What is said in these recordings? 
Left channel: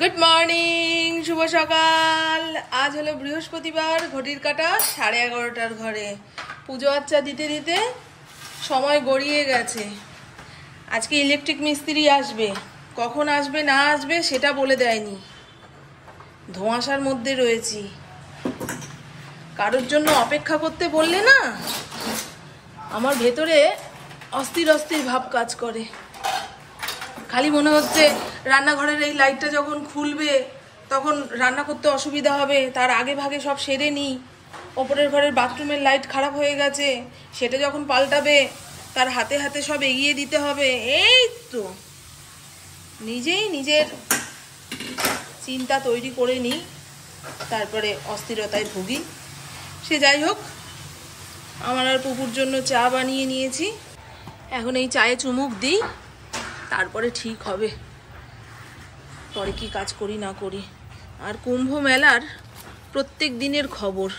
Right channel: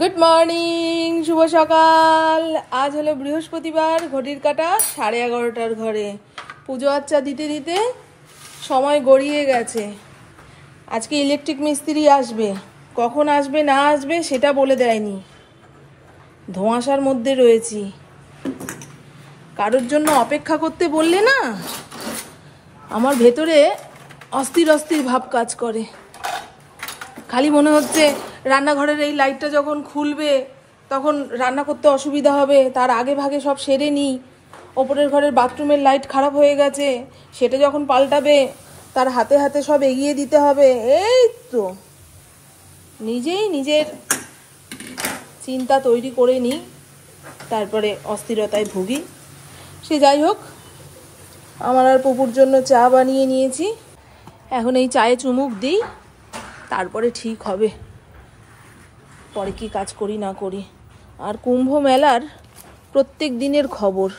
Good morning, শুভ সকাল। আজ হলো বৃহস্পতিবার, ঘটির কাটা 11:30 ঘরে। পুজো আচ্চা দিতে দিতে সময় গড়িয়ে গেছে। আজকে ইলেকট্রিক মিস্ত্রি আসবে, কখন আসবে না আসবে সেটা বলে দেয়নি। ধোঁয়াশার মধ্যে রয়েছি। কারোর জন্য অপেক্ষা করতে বললে না আমার ভেতরে অস্থির অস্থির ভাব কাজ করে। খালি মনে হচ্ছে রান্নাঘরের এই লাইটটা যখন খুলবে তখন রান্না করতে অসুবিধা হবে, তার আগে ভাগে সব সেরে নিই। ওপরের ঘরের বাথরুমের লাইট খারাপ হয়ে গেছে, সেটা যখন পাল্টাবে তার হাতে হাতে সব এগিয়ে দিতে হবে। এই তো নিজেই নিজের চিন্তা তৈরি করে নিই, তারপরে অস্থিরতায় ভুগি। সে যাই হোক, আমার আর পুপুর জন্য চা বানিয়ে নিয়েছি। এখন এই চায়ে চুমুক দিই, তারপরে ঠিক হবে পরে কি কাজ করি না করি। আর কুম্ভ মেলার প্রত্যেক দিনের খবর,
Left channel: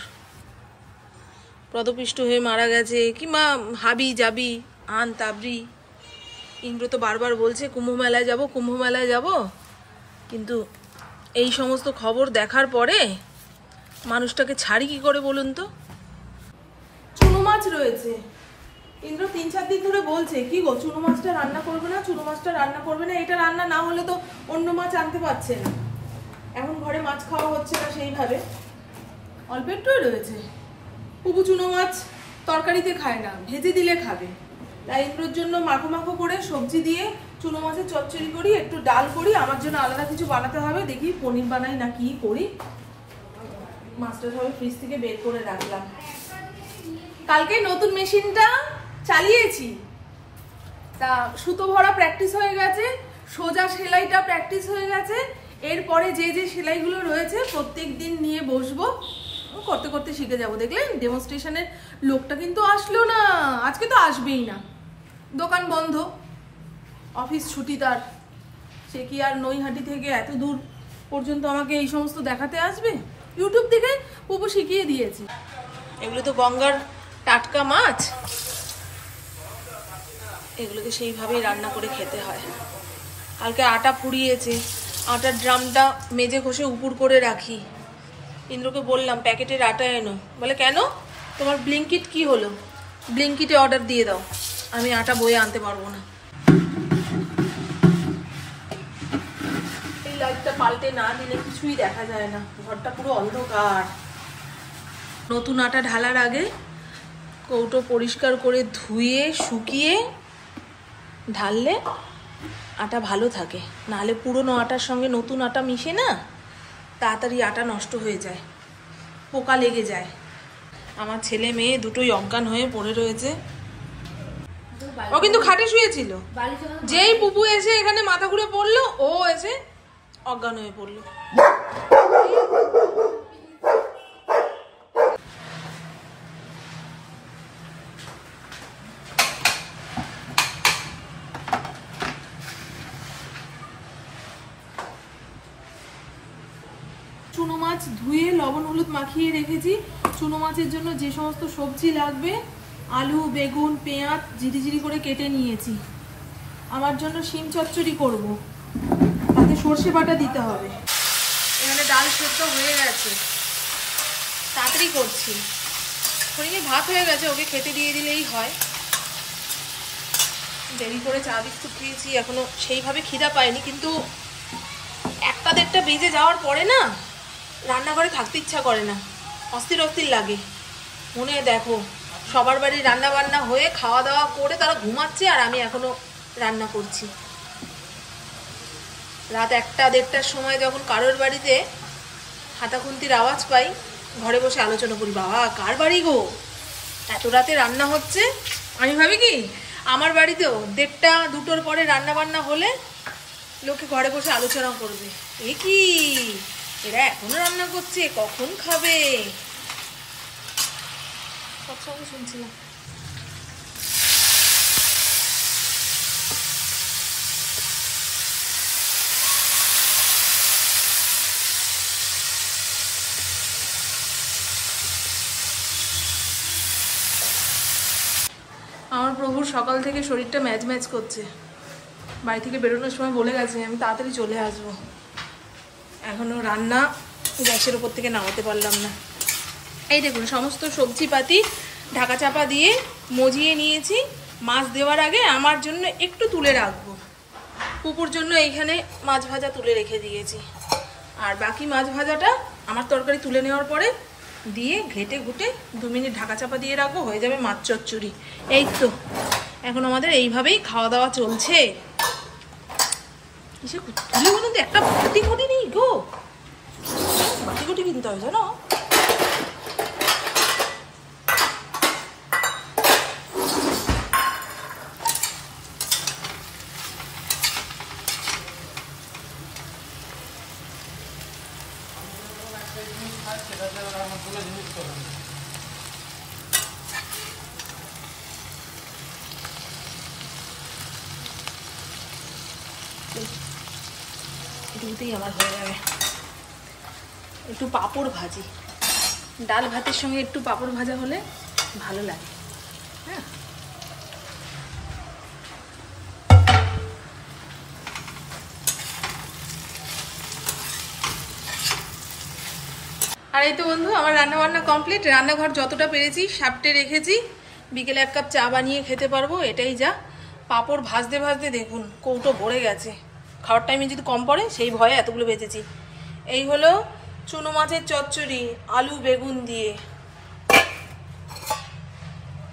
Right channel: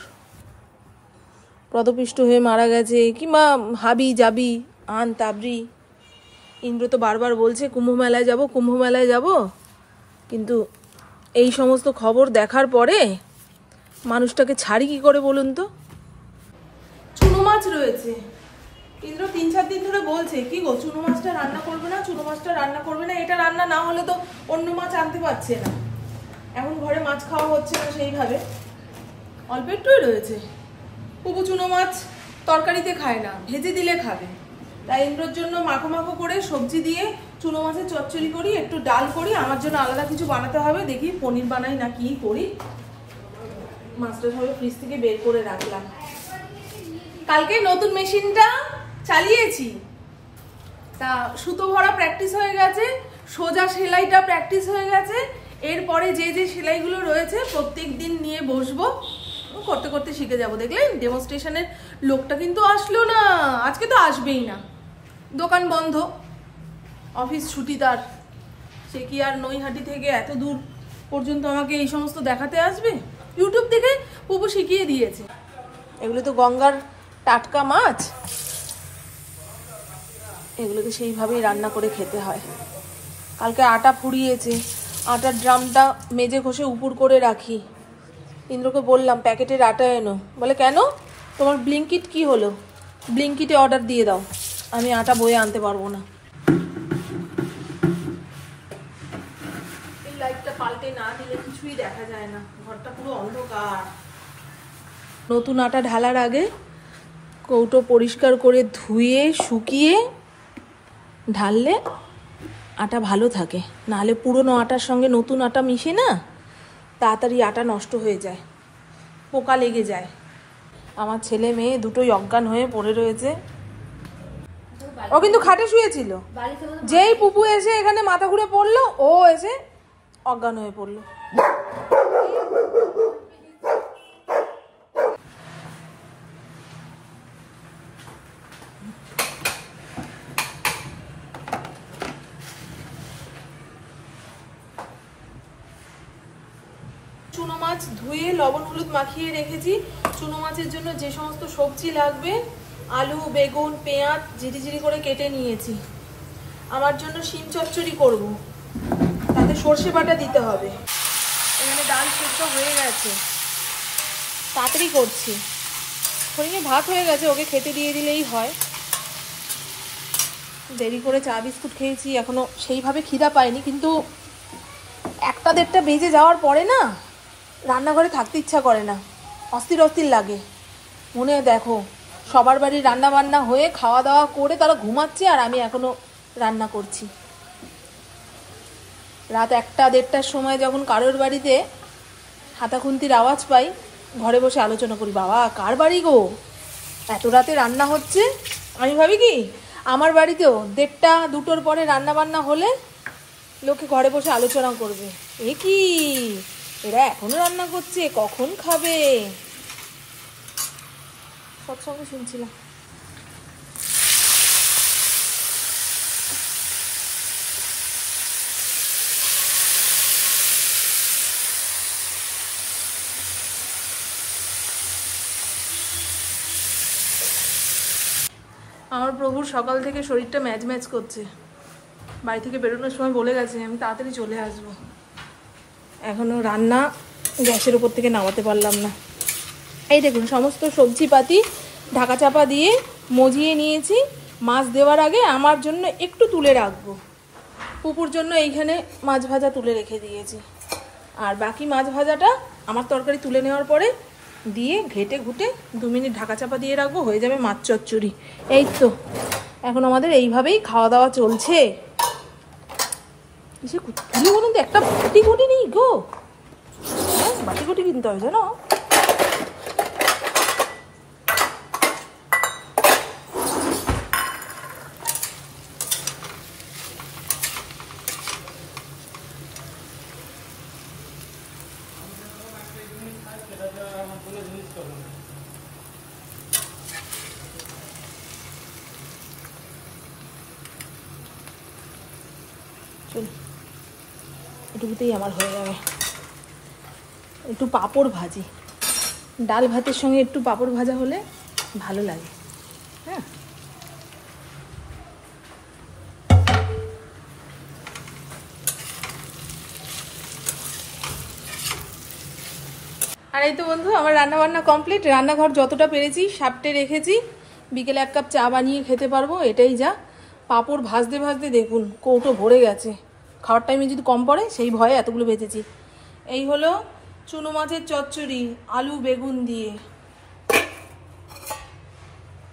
পদপিষ্ট হয়ে মারা গেছে কিংবা হাবি যাবি আন তাবরি। ইন্দ্র তো বারবার বলছে কুম্ভ মেলায় যাব, কুম্ভ মেলায় যাব, কিন্তু এই সমস্ত খবর দেখার পরে মানুষটাকে ছাড়ি কি করে বলুন তো। চুনো মাছ রয়েছে, ইন্দ্র 3-4 দিন ধরে বলছে কি গো চুনো মাছটা রান্না করবে না, চুনো মাছটা রান্না করবে না। এটা রান্না না হলে তো অন্য মাছ আনতে পারছে না। এখন ঘরে মাছ খাওয়া হচ্ছে না সেইভাবে, অল্প একটুই রয়েছে। পুপু চুনো মাছ তরকারিতে খায় না, ভেজে দিলে খাবে। তাই ইন্দ্রর জন্য মাখো মাখো করে সবজি দিয়ে চুনো মাছের চচ্চড়ি করি, একটু ডাল করি। আমার জন্য আলাদা কিছু বানাতে হবে, দেখি পনির বানাই না কি করি। মাছটা সবাই ফ্রিজ থেকে বের করে রাখলাম। কালকে নতুন মেশিনটা চালিয়েছি, তা সুতো ভরা প্র্যাকটিস হয়ে গেছে, সোজা সেলাইটা প্র্যাকটিস হয়ে গেছে। এরপরে যে যে সেলাইগুলো রয়েছে প্রত্যেক দিন নিয়ে বসবো, করতে করতে শিখে যাব। দেখলেন ডেমনস্ট্রেশনের লোকটা কিন্তু আসলো না, আজকে তো আসবেই না, দোকান বন্ধ, অফিস ছুটি তার। সে কি আর নৈহাটি থেকে এত দূর পর্যন্ত আমাকে এই সমস্ত দেখাতে আসবে? ইউটিউব থেকে পুপু শিখিয়ে দিয়েছে। এগুলো তো গঙ্গার টাটকা মাছ, এগুলোকে সেইভাবেই রান্না করে খেতে হয়। কালকে আটা ফুরিয়েছে, আটার ড্রামটা মেজে ঘষে উপুর করে রাখি। ইন্দ্রকে বললাম প্যাকেটের আটা এনো, বলে কেন তোমার ব্লিঙ্কিট কি হলো? ব্লিঙ্কিটে অর্ডার দিয়ে দাও, আমি আটা বয়ে আনতে পারবো না। এই লাইটটা পাল্টে না দিলে কিছুই দেখা যায় না, ঘরটা পুরো অন্ধকার। নতুন আটা ঢালার আগে কৌটো পরিষ্কার করে ধুয়ে শুকিয়ে ঢাললে আটা ভালো থাকে, নাহলে পুরনো আটার সঙ্গে নতুন আটা মিশে না তাড়াতাড়ি আটা নষ্ট হয়ে যায়, পোকা লেগে যায়। আমার ছেলে মেয়ে দুটোই অজ্ঞান হয়ে পড়ে রয়েছে। ও কিন্তু খাটে শুয়েছিল, যেই পুপু এসে এখানে মাথা ঘুরে পড়লো ও এসে অজ্ঞান হয়ে পড়লো। চুনো মাছ ধুয়ে লবণ হলুদ মাখিয়ে রেখেছি। চুনো মাছের জন্য যে সমস্ত সবজি লাগবে, আলু বেগুন পেঁয়াজ ঝিরিঝিরি করে কেটে নিয়েছি। আমার জন্য শিম চচ্চড়ি করব, তাতে সর্ষে বাটা দিতে হবে। এখানে ডাল সেদ্ধ হয়ে গেছে, তাড়াতাড়ি করছি। হরিণে ভাত হয়ে গেছে, ওকে খেতে দিয়ে দিলেই হয়। দেরি করে চা বিস্কুট খেয়েছি, এখনো সেইভাবে খিদা পায়নি, কিন্তু 1-1:30 বেজে যাওয়ার পরে না রান্নাঘরে থাকতে ইচ্ছা করে না, অস্থির অস্থির লাগে। মনে হয় দেখো সবার বাড়ির রান্না বান্না হয়ে খাওয়া দাওয়া করে তারা ঘুমাচ্ছে, আর আমি এখনো রান্না করছি। রাত 1-1:30টার সময় যখন কারোর বাড়িতে হাতাখুন্তির আওয়াজ পাই, ঘরে বসে আলোচনা করি, বাবা কার বাড়ি গো, এত রাতে রান্না হচ্ছে। আমি ভাবি কি আমার বাড়িতেও 1:30-2টোর পরে রান্না বান্না হলে লোকে ঘরে বসে আলোচনা করবে, এ কি এরা এখনো রান্না করছে, কখন খাবে। সবসময় শুনছিলাম। আমার প্রভুর সকাল থেকে শরীরটা ম্যাজ ম্যাজ করছে। বাড়ি থেকে বেরোনোর সময় বলে গেছে আমি তাড়াতাড়ি চলে আসবো। এখনো রান্না গ্যাসের উপর থেকে নামাতে পারলাম না। এই দেখুন সমস্ত সবজিপাতি ঢাকা চাপা দিয়ে মজিয়ে নিয়েছি। মাছ দেওয়ার আগে আমার জন্য একটু তুলে রাখবো, পুকুর জন্য এইখানে মাছ ভাজা তুলে রেখে দিয়েছি। আর বাকি মাছ ভাজাটা আমার তরকারি তুলে নেওয়ার পরে দিয়ে ঘেটে ঘুটে 2 মিনিট ঢাকা চাপা দিয়ে রাখবো, হয়ে যাবে মাছ চচ্চড়ি। এই তো এখন আমাদের এইভাবেই খাওয়া দাওয়া চলছে। কিসে তুলে বলুন তো, একটা বাটি ঘটি নেই গো, বাটি ঘটি কিনতে হবে জানো। এটুকুতেই আমার হয়ে যাবে। একটু পাঁপড় ভাজি, ডাল ভাতের সঙ্গে একটু পাঁপড় ভাজা হলে ভালো লাগে। হ্যাঁ, আর এই তো বন্ধু আমার রান্না বান্না কমপ্লিট। রান্নাঘর যতটা পেরেছি সাপটে রেখেছি, বিকেলে 1 কাপ চা বানিয়ে খেতে পারবো, এটাই যা। পাঁপড় ভাজতে ভাজতে দেখুন কৌটো ভরে গেছে, খাওয়ার টাইমে যদি কম পড়ে সেই ভয়ে এতগুলো ভেজেছি। এই হলো চুনো মাছের চচ্চড়ি আলু বেগুন দিয়ে,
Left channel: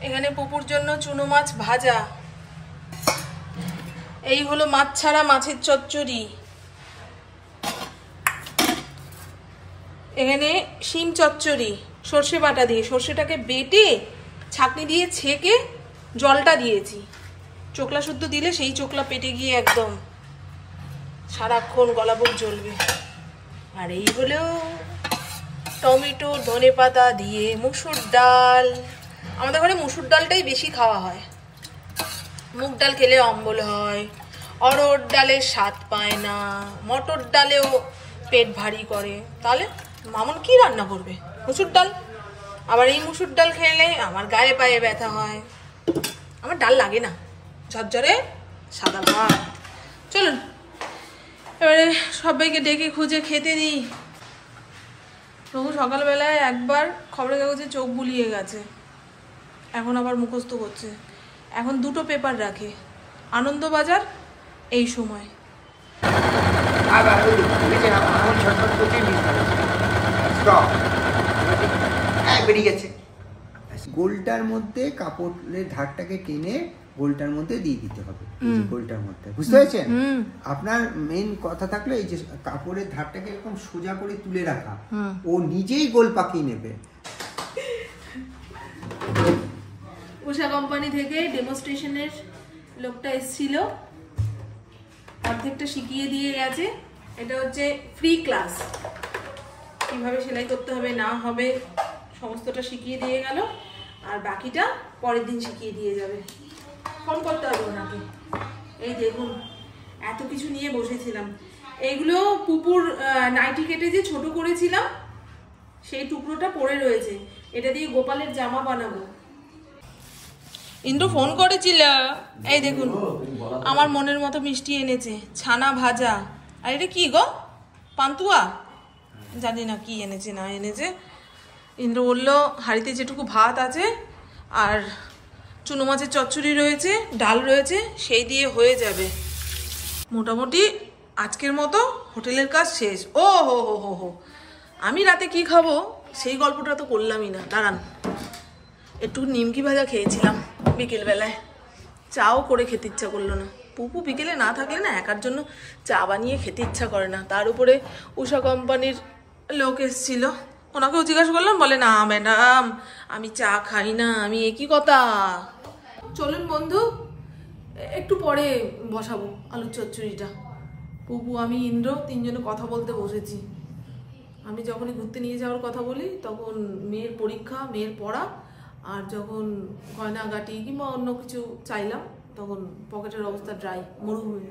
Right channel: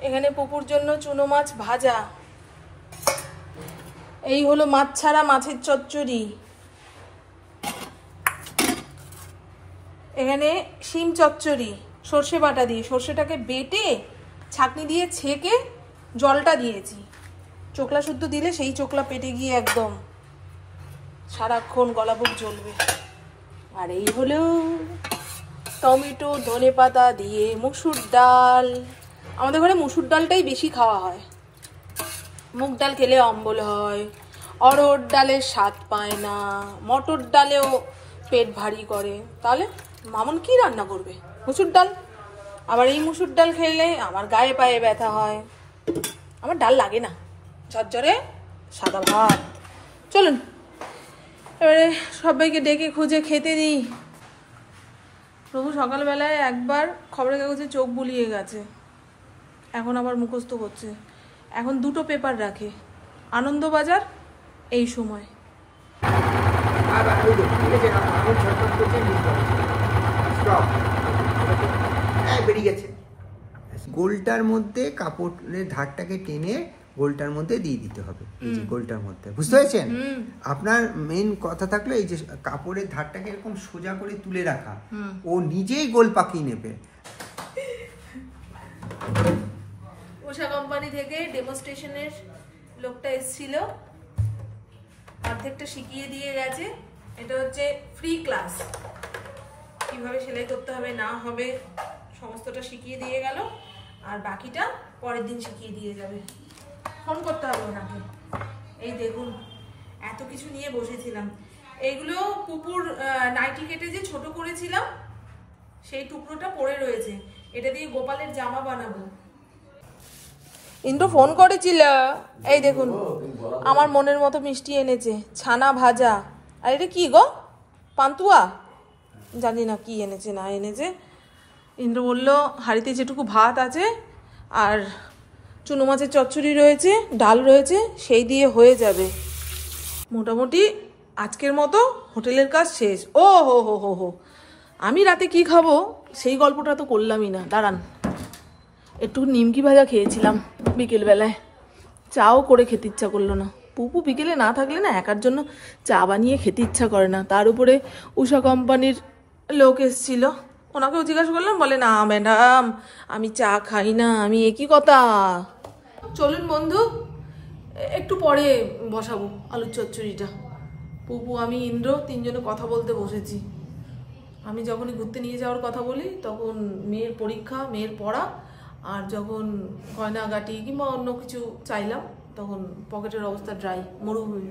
এখানে পুকুর জন্য চুনো মাছ ভাজা। এই হলো মাছ ছাড়া মাছের চচ্চড়ি, এখানে শিম চচ্চড়ি সর্ষে বাটা দিয়ে, সর্ষেটাকে বেটে ছাঁকনি দিয়ে ছেঁকে জলটা দিয়েছি। চোকলা শুদ্ধ দিলে সেই চোকলা পেটে গিয়ে একদম সারাক্ষণ গলাপুর জ্বলবে। আর এই হলো টমেটো ধনে পাতা দিয়ে মুসুর ডাল। আমাদের ঘরে মুসুর ডালটাই বেশি খাওয়া হয়, মুগ ডাল খেলে অম্বল হয়, অড়হর ডালের স্বাদ পায় না, মটর ডালেও পেট ভারী করে। তাহলে মামুন কি রান্না করবে? মুসুর ডাল। আবার এই মুসুর ডাল খেলে আমার গায়ে পায়ে ব্যথা হয়, আমার ডাল লাগে না, ঝরঝরে সাদা ভাত। চলুন এবারে সবাইকে ডেকে খুঁজে খেতে দিই। প্রভু সকালবেলায় একবার খবরের কাগজে চোখ বুলিয়ে গেছে, এখন আবার মুখস্থ করছে। এখন 2টো পেপার রাখে, আনন্দবাজার এই সময়। গোলটার মধ্যে কাপড়ের ধারটাকে টেনে গোলটার মধ্যে দিয়ে দিতে হবে, গোলটার মধ্যে, বুঝতে পেরেছেন? আপনার মেইন কথা থাকলো এই যে কাপড়ের ধারটাকে এরকম সোজা করে তুলে রাখা, ও নিজেই গোল পাকিয়ে নেবে। উষা কোম্পানি থেকে ডেমনস্ট্রেশনের লোকটা এসেছিল, অর্ধেকটা শিখিয়ে দিয়ে গেছে। এটা হচ্ছে ফ্রি ক্লাস, কিভাবে সেলাই করতে হবে না হবে সমস্তটা শিখিয়ে দিয়ে গেল, আর বাকিটা পরের দিন শিখিয়ে দিয়ে যাবে। ফোন করতে হবে ওনাকে। এই দেখুন এত কিছু নিয়ে বসেছিলাম, এইগুলো পুপুর নাইটি কেটে যে ছোট করেছিলাম সেই টুকরোটা পড়ে রয়েছে, এটা দিয়ে গোপালের জামা বানাবো। ইন্দ্র ফোন করেছিল, এই দেখুন আমার মনের মতো মিষ্টি এনেছে, ছানা ভাজা। আর এটা কি গো, পান্তুয়া? জানি না কি এনেছে না এনেছে। ইন্দ্র বললো হাঁড়িতে যেটুকু ভাত আছে আর চুনো মাছের চচ্চড়ি রয়েছে, ডাল রয়েছে, সেই দিয়ে হয়ে যাবে। মোটামুটি আজকের মতো হোটেলের কাজ শেষ। ও হো হো হো হো, আমি রাতে কি খাবো সেই গল্পটা তো করলামই না। দাঁড়ান, একটু নিমকি ভাজা খেয়েছিলাম বিকেলবেলায়, চাও করে খেতে ইচ্ছা করলো না। পুপু বিকেলে না থাকলে না একার জন্য চা বানিয়ে খেতে ইচ্ছা করে না। তার উপরে উষা কোম্পানির লোক এসেছিল, ওনাকেও জিজ্ঞাসা করলাম, বলে না ম্যাডাম আমি চা খাই না। আমি একই কথা। চলুন বন্ধু একটু পরে বসাবো আলুর চচ্চড়িটা। পুপু আমি ইন্দ্র 3 জনে কথা বলতে বসেছি। আমি যখনই ঘুরতে নিয়ে যাওয়ার কথা বলি তখন মেয়ের পরীক্ষা, মেয়ের পড়া, আর যখন গয়নাগাটি কিংবা অন্য কিছু চাইলাম তখন পকেটের অবস্থা ড্রাই, মরুভূমি।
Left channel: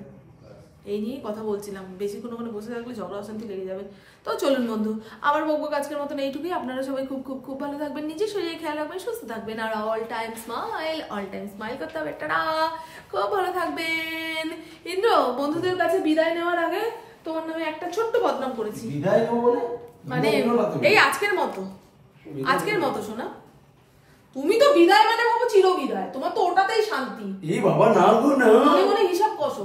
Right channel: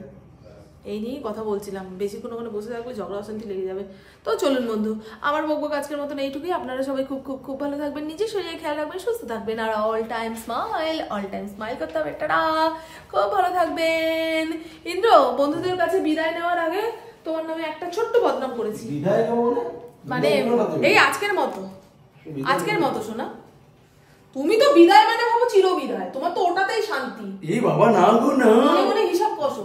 এই নিয়েই কথা বলছিলাম, বেশিক্ষণ ওখানে বসে থাকলে ঝগড়া অশান্তি লেগে যাবে। তো চলুন বন্ধু, আমার বকবক আজকের মতন এইটুকুই। আপনারা সবাই খুব খুব খুব ভালো থাকবেন, নিজের শরীরে খেয়াল রাখবেন, সুস্থ থাকবেন, আর অল টাইম স্মাইল করতে হবে। টাটা, খুব ভালো থাকবেন। ইন্দ্র বন্ধুদের কাছে বিদায় নেওয়ার আগে তোমার নামে একটা ছোট্ট বদনাম করেছি, বিদায় নেবো মানে এই আজকের মতো শোনা। তুমি তো বিদায় মানে ভাবো চির বিদায়, তোমার তো ওটাতেই শান্তি। এই বাবা না গো না, মনে মনে হিসাব কষো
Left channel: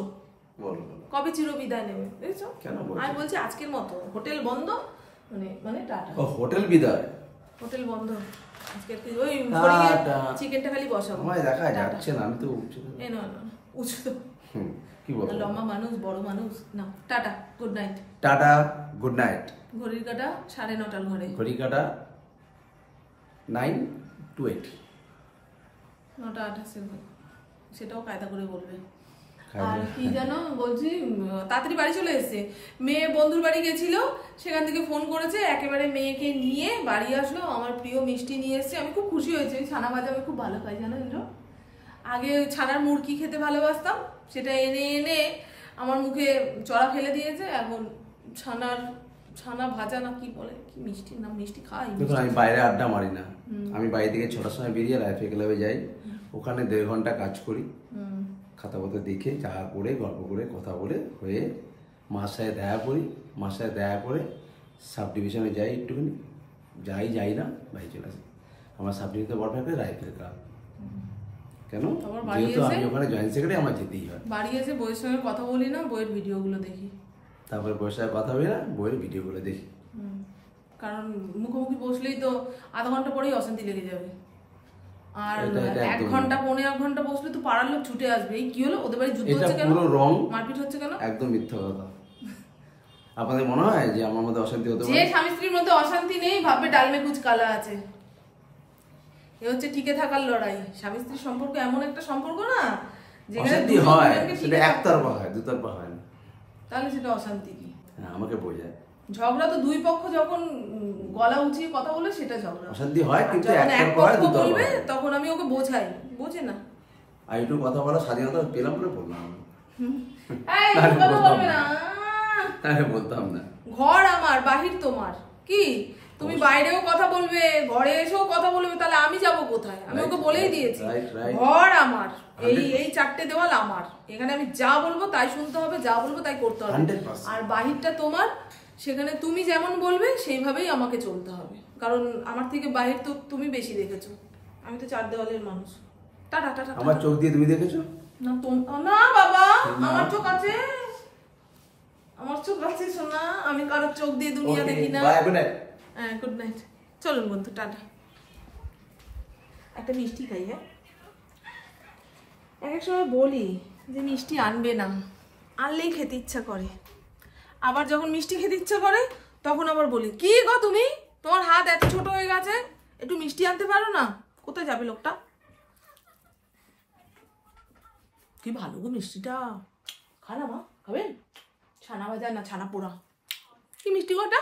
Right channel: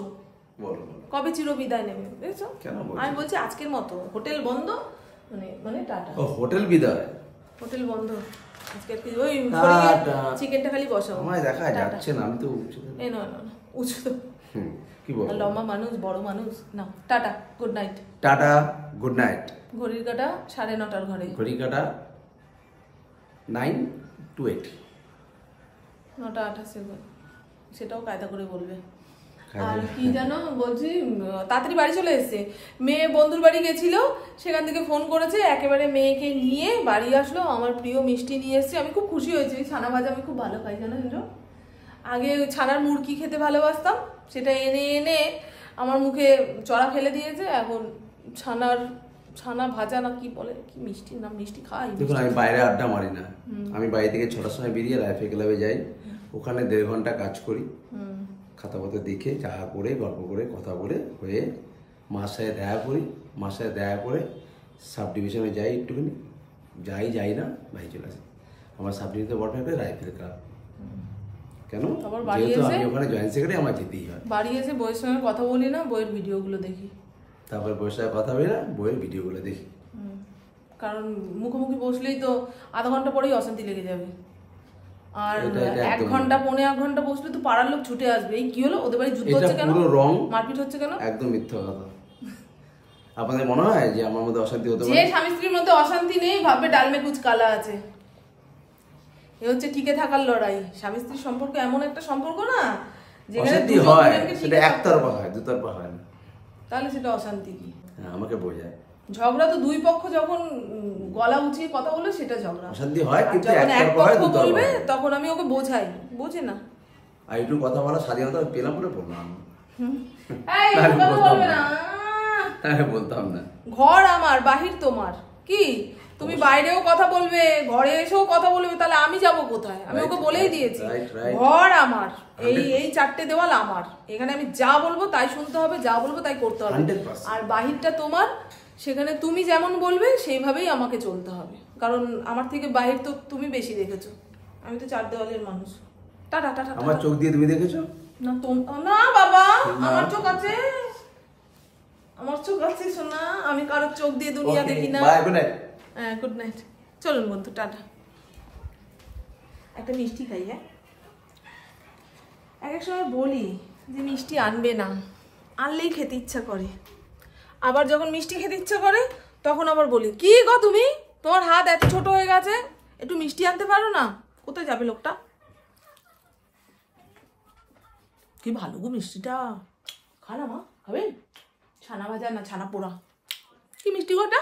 বলো কবে চির বিদায় নেবে, বুঝছো? কেন বলছো? আমি বলছি আজকের মতো, হোটেল বন্ধ, মানে টাটা। ও হোটেল বিদায়, হোটেল বন্ধ আজকে, ওই টাটা। চিকেনটা খালি বসাও। আমায় দেখা যাচ্ছে না, আমি তো এই নয় উঁচু, কি বলবো, লম্বা মানুষ, বড় মানুষ না। Tata, good night. Tata, good night. ঘড়ির কাটা 9:30 ঘরে, ঘড়ি কাটা 9 to 8, 9:28 সেটাও কায়দা করে বলবে। কায়দা আর কি জানো বলছি, তাড়াতাড়ি বাড়ি চলে এসেছে। মেয়ে বন্ধুর বাড়ি গেছিল, সেখান থেকে ফোন করেছে, একেবারে মেয়েকে নিয়ে বাড়ি আসলো। আমার প্রিয় মিষ্টি নিয়ে এসেছে, আমি খুব খুশি হয়েছি। ছানা ভাজা আমি খুব ভালো খাই জানো ইন্দ্র। আগে ওই ছানার মুরকি খেতে ভালোবাসতাম, সেটা এনে এনে আমার মুখে চড়া ফেলে দিয়েছে। এখন ছানা ভাজা না কি বলে, কি মিষ্টি নাম, মিষ্টি খাই। দেখুন আমি বাইরে আড্ডা মারি না, আমি বাড়ি থেকে 6টার সময় বেরিয়ে লাইফে ক্লাবে যাই, ওখানে 1.5 ঘন্টা কাজ করি, খাতা পত্র দেখে চা করে গল্প করে কথা বলে হয়ে মার সাথে দেখা করি, মার সাথে দেখা করে সাব ডিভিশনে যাই, একটুখানি যাই না বাড়ি চলে আসি। আমার সাব ডিভিশনে বড় ফ্যাক্টরি রাইফেল ক্লাব। কেন? যেহেতু আমি ওখানে জয়েন্ট সেক্রেটারি, আমার যেতেই হয়। বাড়ি এসে বইয়ের সঙ্গে কথা বলি না, বইয়ের ভিডিওগুলো দেখি। তারপরে বইয়ের সাথে কথা বলি না, বইয়ের ভিডিওগুলো দেখি। কারণ মুখোমুখি বসলেই তো আধা ঘন্টা পরেই অশান্তি লেগে যাবে। আর 1 ঘন্টা 1.5 ঘন্টা বসলে তো পাড়ার লোক ছুটে আসবে। এই কি হলো, ওদের বাড়ি যুদ্ধ হচ্ছে কেন, পুরো রং, মারপিট হচ্ছে কেন? একদম মিথ্যা কথা। আপনাদের মনে হয় যে আমার মধ্যে অশান্তি হতে পারে? যে স্বামী স্ত্রীর মধ্যে অশান্তি নেই ভাববে ডাল মে কুচ কালা আছে। এ হচ্ছে টিকে থাকার লড়াই। স্বামী স্ত্রীর সম্পর্ক এমন একটা সম্পর্ক না যেখানে অশান্তি হয়, সেটা একতরফা হয়, দুতরফা হয় না। তাহলে সেটা অশান্তি কি? হ্যাঁ, আমাকে বোঝায়। ঝগড়া তো দুই পক্ষ যখন গলা উঁচিয়ে কথা বলে সেটা ঝগড়া। অশান্তি হয় কিন্তু যখন এক একতরফা হয়, পক্ষ দুতরফা বলবে হয়। তখন আমি ওকে বোঝাই, বোঝে না। আর একটু কথা বলার স্বাধীনতা পেলাম বলে বললাম, এই তাহলে কথা বলতাম বলবে না। না। তাহলে বলতাম না। ঘর আমার, বাহির তোমার। কি তুমি বাইরেও কথা বলবে, ঘরে এসেও কথা বলবে, তাহলে আমি যাব কোথায়? আমি ওকে বলেই দিয়েছি ঘর আমার, এই 4টে দেওয়াল আমার। এখানে আমি যা বলবো তাই শুনতে হবে, যা বলবো তাই করতে হবে। 100%। আর বাহিরটা তোমার, সেখানে তুমি যেমন বলবে সেইভাবেই আমাকে চলতে হবে। কারণ আমার থেকে বাহির তো তুমি বেশি দেখেছো, আমি তো 4 দেওয়ালের মানুষ। Tata tata. আমার চোখ দিয়ে তুমি দেখেছো? না না বাবা, আমার চোখ আছে, আমার চোখ আছে সোনা। আমি কারোর চোখ দিয়ে দুনিয়া দেখি না। Bye, good night. হ্যাঁ, গুড নাইট। চলুন বন্ধু, টাটা। একটা মিষ্টি খাই। হ্যাঁ, এক সময় বলি যে মিষ্টি আনবে না, আনলেই খেতে ইচ্ছা করে। আবার যখন মিষ্টি খেতে ইচ্ছা করে তখন আবার বলি, কি গো তুমি, তোমার হাত এত ছোট হয়ে গেছে, একটু মিষ্টি আনতে পারো না? কোথায় যাবে লোকটা? কি ভালো গো মিষ্টিটা, খানা মা, খাবেন? ছানা ভাজা না ছানা পোড়া, কি মিষ্টি গো এটা।